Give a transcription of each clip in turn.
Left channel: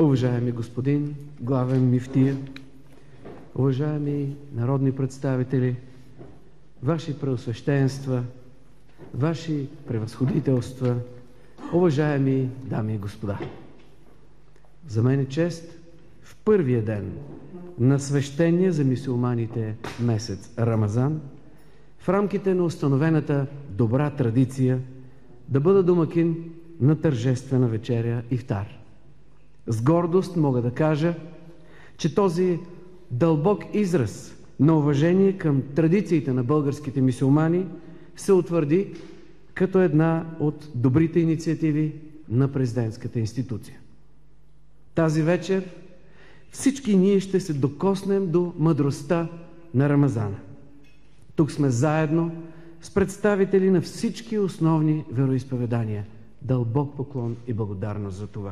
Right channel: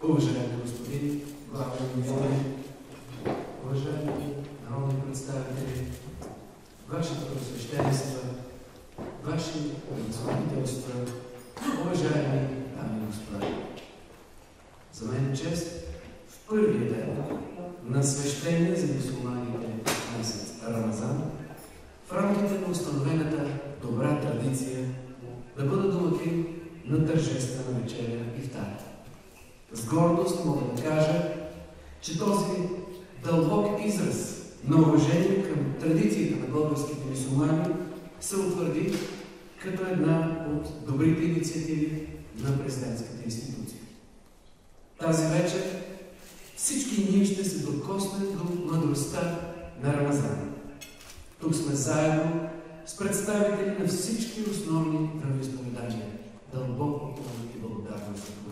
Уважаеми господин главен мюфтия, уважаеми народни представители, ваши преосвещенства, ваши превъзходителства, уважаеми дами и господа. За мен е чест в първия ден на свещения за мюсюлманите месец Рамазан, в рамките на установената добра традиция, да бъда домакин на тържествена вечеря ифтар. С гордост мога да кажа, че този дълбок израз на уважение към традициите на българските мюсюлмани се утвърди като една от добрите инициативи на президентската институция. Тази вечер всички ние ще се докоснем до мъдростта на Рамазан. Тук сме заедно с представители на всички основни вероизповедания. Дълбок поклон и благодарност за това.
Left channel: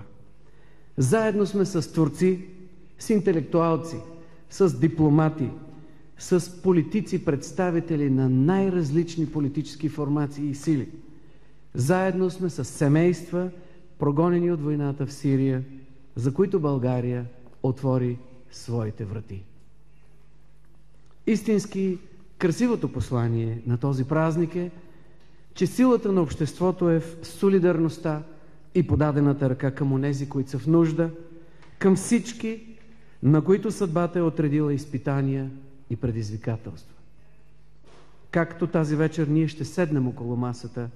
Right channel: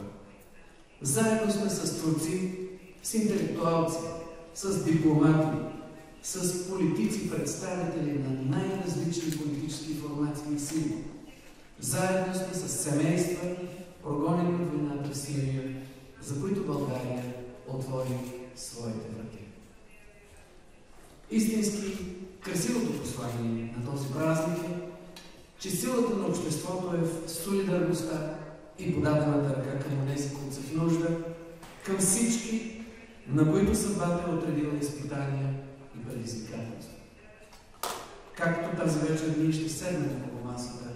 Заедно сме с творци, с интелектуалци, с дипломати, с политици, представители на най-различни политически формации и сили. Заедно сме с семейства, прогонени от войната в Сирия, за които България отвори своите врати. Истински красивото послание на този празник е, че силата на обществото е в солидарността и подадената ръка към онези, които са в нужда, към всички, на които съдбата е отредила изпитания и предизвикателства. Както тази вечер ние ще седнем около масата,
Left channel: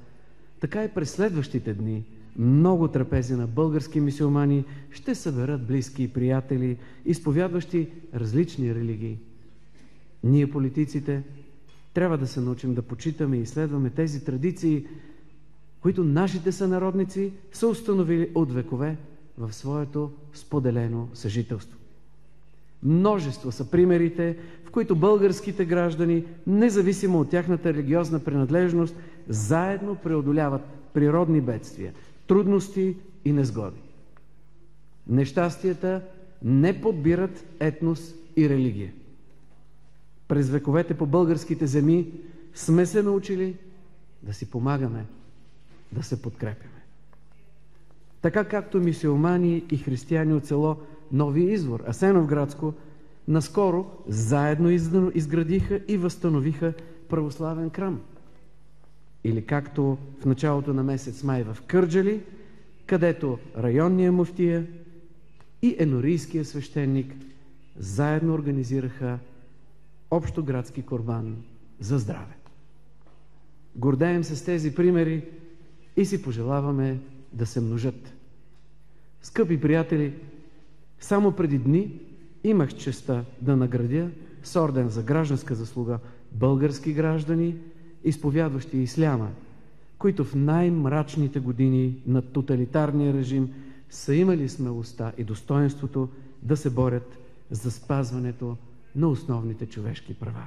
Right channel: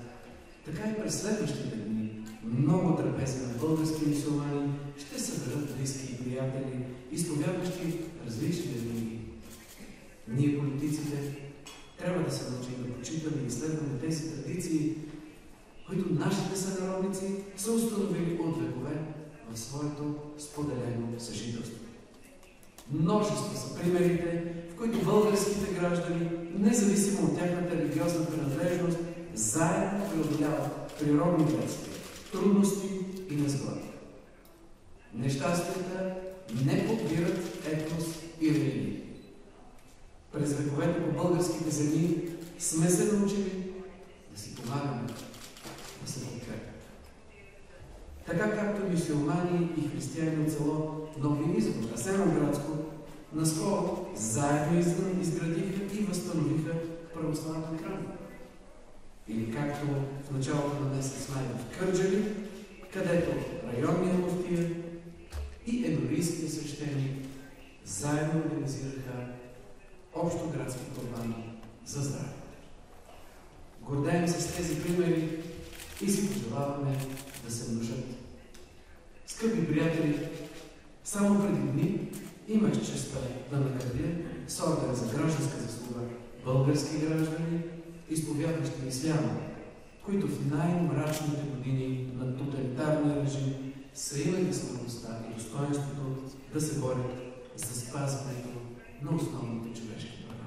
така и през следващите дни много трапези на български мюсюлмани ще съберат близки и приятели, изповядващи различни религии. Ние, политиците, трябва да се научим да почитаме и следваме тези традиции, които нашите сънародници са установили от векове в своето споделено съжителство. Множество са примерите, в които българските граждани, независимо от тяхната религиозна принадлежност, заедно преодоляват природни бедствия, трудности и незгоди. Нещастията не подбират етнос и религия. През вековете по българските земи сме се научили да си помагаме, да се подкрепяме. Така както мюсюлмани и християни от село Нови Извор, Асеновградско, наскоро заедно изградиха и възстановиха православен храм. Или както в началото на месец май в Кърджали, където районния муфтия и енорийския свещеник заедно организираха общоградски курбан за здраве. Гордеем се с тези примери и си пожелаваме да се множат. Скъпи приятели, само преди дни имах честта да наградя с орден за гражданска заслуга български граждани, изповядващи исляма, които в най-мрачните години на тоталитарния режим са имали смелостта и достоинството да се борят за спазването на основните човешки права.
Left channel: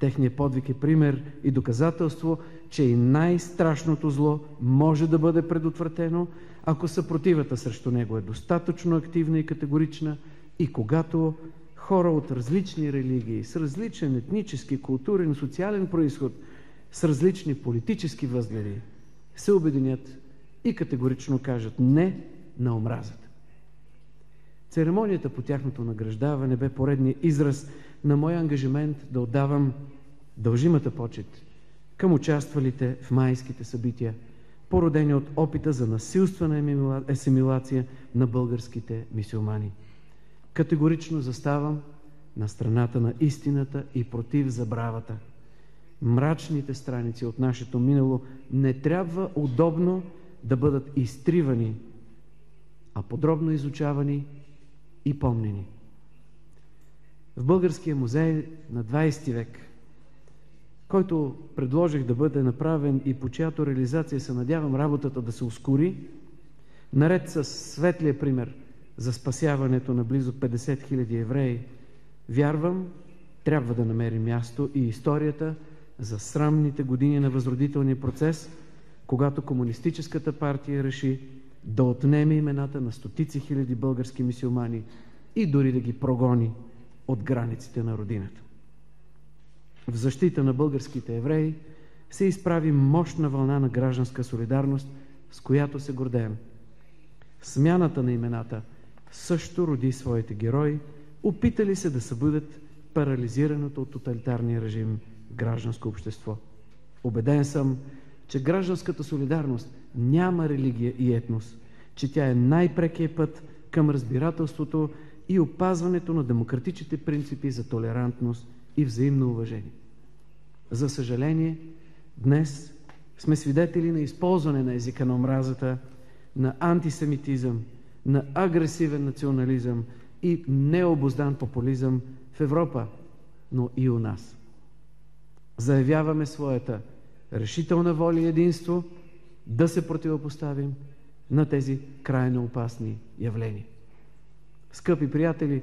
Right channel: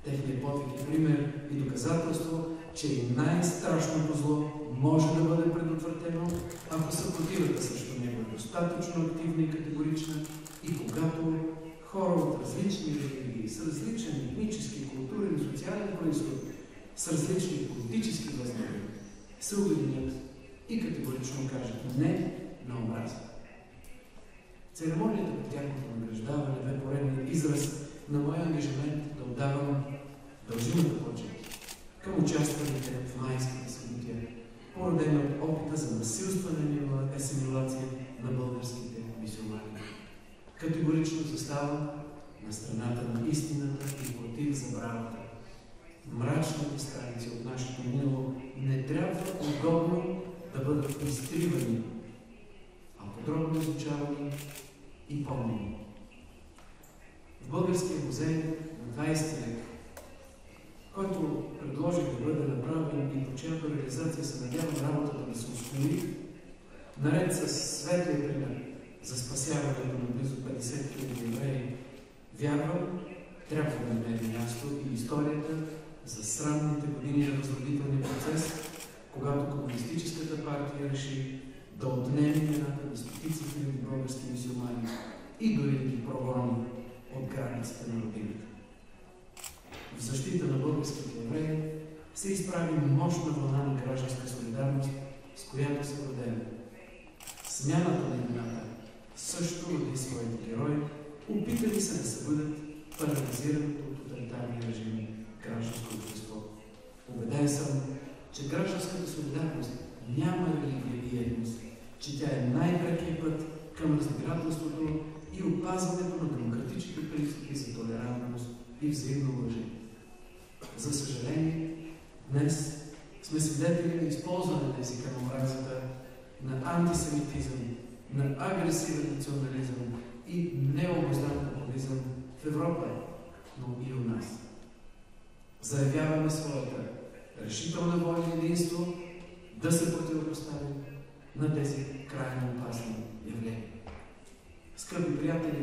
Техният подвиг е пример и доказателство, че и най-страшното зло може да бъде предотвратено, ако съпротивата срещу него е достатъчно активна и категорична и когато хора от различни религии, с различен етнически, културен, социален произход, с различни политически възгледи се обединят и категорично кажат не на омразата. Церемонията по тяхното награждаване бе поредният израз на моя ангажимент да отдавам дължимата почет към участвалите в майските събития, породени от опита за насилствена асимилация на българските мюсюлмани. Категорично заставам на страната на истината и против забравата. Мрачните страници от нашето минало не трябва удобно да бъдат изтривани, а подробно изучавани и помнени. В Българския музей на 20 век, който предложих да бъде направен и по чиято реализация се надявам работата да се ускори, наред с светлия пример за спасяването на близо 50 000 евреи, вярвам, трябва да намери място и историята за срамните години на възродителния процес, когато Комунистическата партия реши да отнеме имената на стотици хиляди български мюсюлмани и дори да ги прогони от границите на родината. В защита на българските евреи се изправи мощна вълна на гражданска солидарност, с която се гордеем. Смяната на имената също роди своите герои, опитали се да събудят парализираното от тоталитарния режим гражданско общество. Убеден съм, че гражданската солидарност няма религия и етнос, че тя е най-прекият път към разбирателството и опазването на демократичните принципи за толерантност и взаимно уважение. За съжаление, днес сме свидетели на използване на езика на омразата, на антисемитизъм, на агресивен национализъм и необуздан популизъм в Европа, но и у нас. Заявяваме своята решителна воля и единство да се противопоставим на тези крайно опасни явления. Скъпи приятели,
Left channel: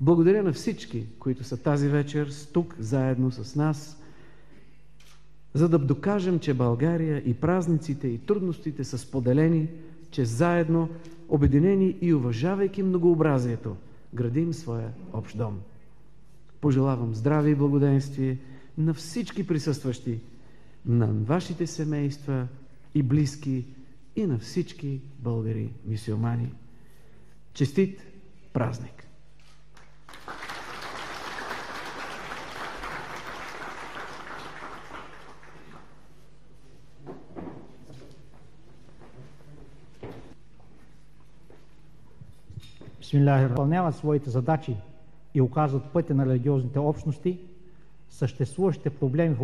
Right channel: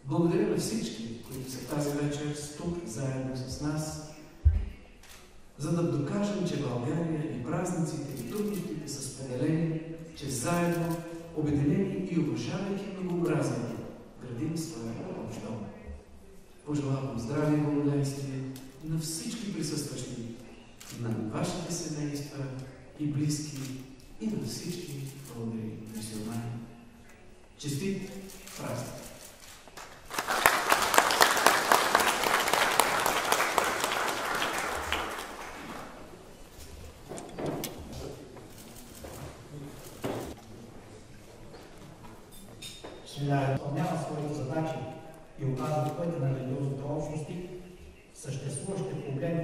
благодаря на всички, които са тази вечер тук заедно с нас, за да докажем, че България и празниците и трудностите са споделени, че заедно, обединени и уважавайки многообразието, градим своя общ дом. Пожелавам здраве и благоденствие на всички присъстващи, на вашите семейства и близки и на всички българи мюсюлмани. Честит празник! Изпълняват своите задачи и оказват пътя на религиозните общности, съществуващите проблеми в